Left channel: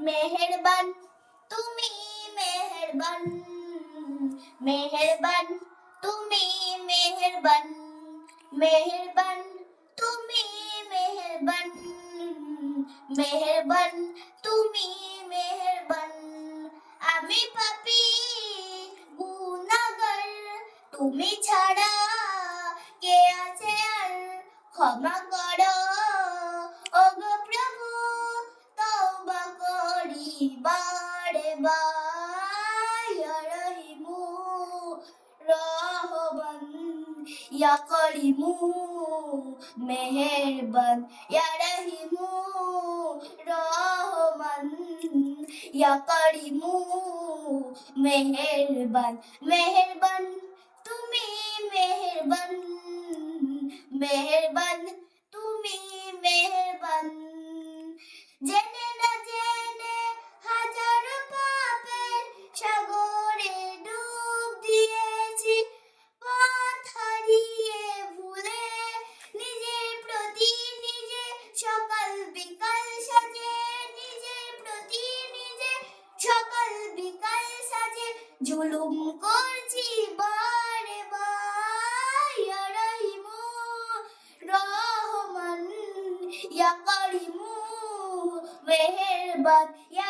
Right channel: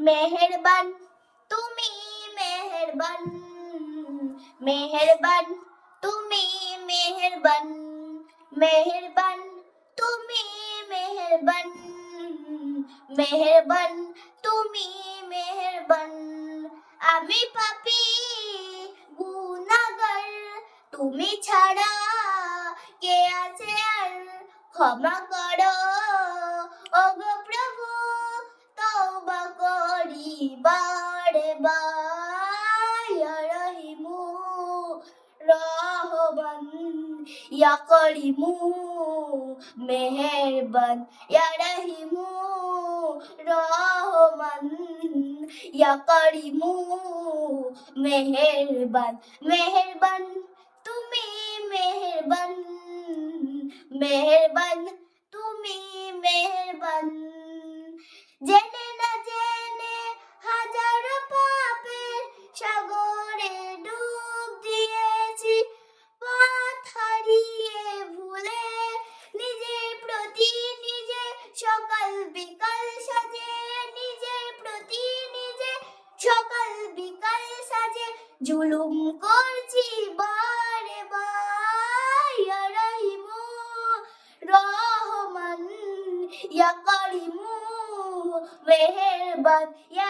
মেহেরবান, তুমি মেহেরবান মেহেরবান, তুমি মেহেরবান মেহেরবান, তুমি মেহেরবান মেহেরবান, তুমি মেহেরবান। আমি পাপি গুনাহগার তুমি ছাড়া কে আছে আর ক্ষমা করো? ওগো প্রভু করি বারে রহিমু রহমান ইয়া করিমু, মেহেরবান ইয়া রহিমু রহমান ইয়া করিমু, মেহেরবান মেহেরবান, তুমি মেহেরবান মেহেরবান, তুমি মেহেরবান জেনে জুলুম করছি বারে বার রহিমু রহমান ইয়া করিমু মেহেরবান ইয়া